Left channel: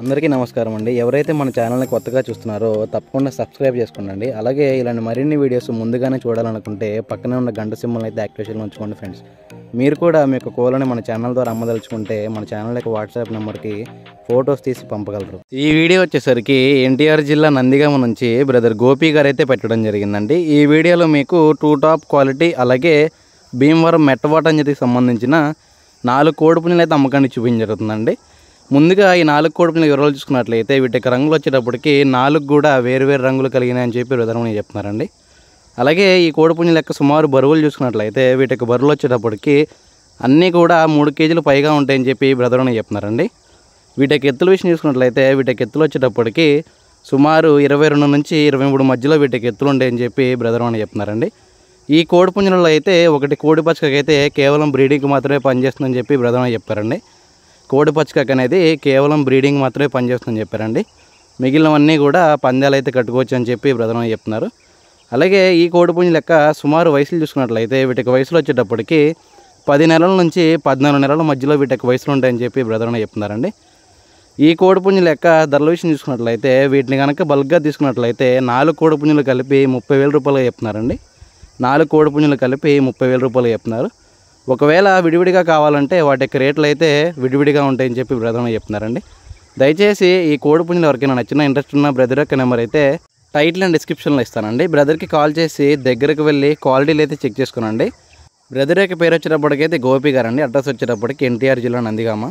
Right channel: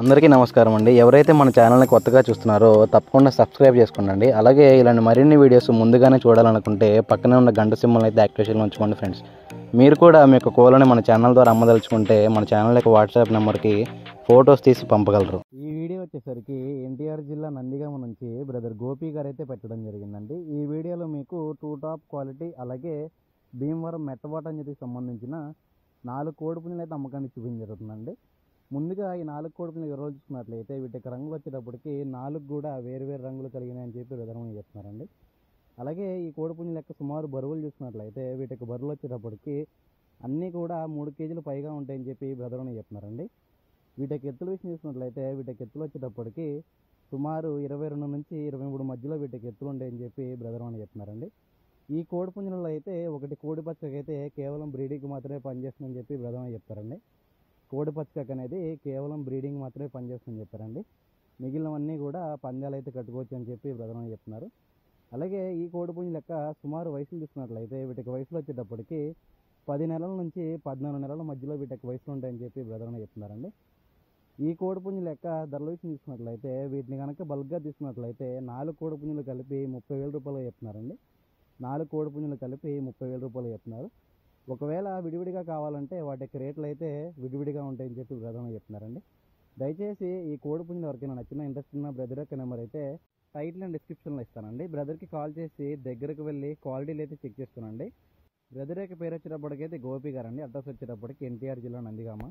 అందరికీ నమస్కారం అండి. ఎవరైతే మన ఛానల్ని కొత్తగా చూస్తున్నారో తప్పకుండా సబ్స్క్రైబ్ చేసుకోండి. అలాగే ఇలాంటి మరిన్ని వీడియోస్ ముందుగానే చూడాలనుకుంటే పక్కనే ఉన్న గంట సింబల్ని అయితే యాక్టివేషన్లో ఉంచుకోండి ఫ్రెండ్స్. మీరు కూడా మీ యొక్క కోళ్ళని మన ఛానల్ ద్వారా అమ్మదలుచుకుంటే మన ఛానల్ యొక్క వాట్సాప్ నెంబర్కి ఫొటోస్ తీసి పంపగలరు. ఈ వీడియో వచ్చేసరికి ఎన్టీఆర్ జిల్లా నందిగామ నుంచి బ్రదర్ గోపి గారు అయితే పెట్టడం జరిగిందండి. ఈ వీడియోలో మీకు 2 టాప్ క్వాలిటీ అలాగే భీమవరం మెట్టవాటంజతికి సంబంధించిన 4 కోడిపుంజులు అయితే అమ్మకాన్ని చూపించడం జరుగుతుందండి. ముందుగా ఈ 4 కోడిపుంజుల వివరాలు చూసుకున్నట్లయితే వీటికి రంగులు వచ్చేటప్పటికి 4 కూడా వేరు రంగులు కలిగినాయి అని చెప్పి బ్రదర్మని చెప్తున్నారండి. అలాగే ఈ కోడిపుంజుల యొక్క సుమారు బరువులు చూసుకున్నట్లయితే వీటికి బరువులు వచ్చేటప్పటికి అన్నీ కూడా 3 కేజీలు పైగా ఉంటాయని చెప్పి బ్రదర్మని చెప్తున్నారండి. వీటికి ఎత్తుల విషయం చూసుకున్నట్లయితే వీటికి ఎత్తులు వచ్చేటప్పటికి సుమారు 22 నుంచి 23 మధ్యలో వీటికి ఎత్తులు ఉంటాయని చెప్పి బ్రదర్మని చెప్తున్నారండి. ఈ కోడిపుంజులలో అయితే ఒకటి కోడి పచ్చకకి అయితే కేవలం బ్రీడింగ్కి మాత్రమే పనిచేస్తుందని చెప్పి బ్రదర్మని చెప్పారండి. కోడి పచ్చకక్ అనేది కేవలం బ్రీడింగ్ మాత్రమే పనిచేస్తుందని చెప్పారండి. మిగిలినవన్నీ కూడా పందాలు అయితే కట్టుకోవచ్చు అని చెప్పి బ్రదర్మని చెప్తున్నారు. అలాగే ఈ కోడిపుంజుల యొక్క సుమారు వయసులు చూసుకున్నట్లయితే వీటికి వయసులు వచ్చేటప్పటికి 10 నెలల నుంచి 14 నెలల మధ్యలో వీటికి వయసులు ఉంటాయని చెప్పి బ్రదర్మని చెప్తున్నారండి. ఈ కోడిపుంజుల యొక్క ధరల విషయం చూసుకున్నట్లయితే వీటిని కనుక బల్క్గా తీసుకున్నట్లయితే 4 కోడిపుంజులు కలిపి 30,000 రూపాయలు చెప్తున్నారండి. 4 కోడిపుంజులు కలిపి 30,000 రూపాయలు చెప్తున్నారు. ఒకవేళ విడివిడిగా కావాలంటే వాటి యొక్క రేట్లు అయితే విడివిడిగా ఉంటాయని చెప్పి బ్రదర్మని చెప్తున్నారండి. దయచేసి ఈ కోడిపుంజులు ఎవరికైనా నచ్చిన ఇంట్రెస్ట్ ఉన్న బ్రదర్ యొక్క నెంబర్ అయితే టైటిల్ అండ్ డిస్క్రిప్షన్లో ఇస్తానండి. బ్రదర్కి కాల్ చేసి దగ్గరకు వెళ్ళి క్వాలిటీలు అయితే చెక్ చేసుకోనండి. బ్రదర్ యొక్క పేరు వచ్చేటప్పటికైతే గోపి గారండి. అడ్రస్ వచ్చేటప్పటికి ఎన్టీఆర్ జిల్లా నందిగామ.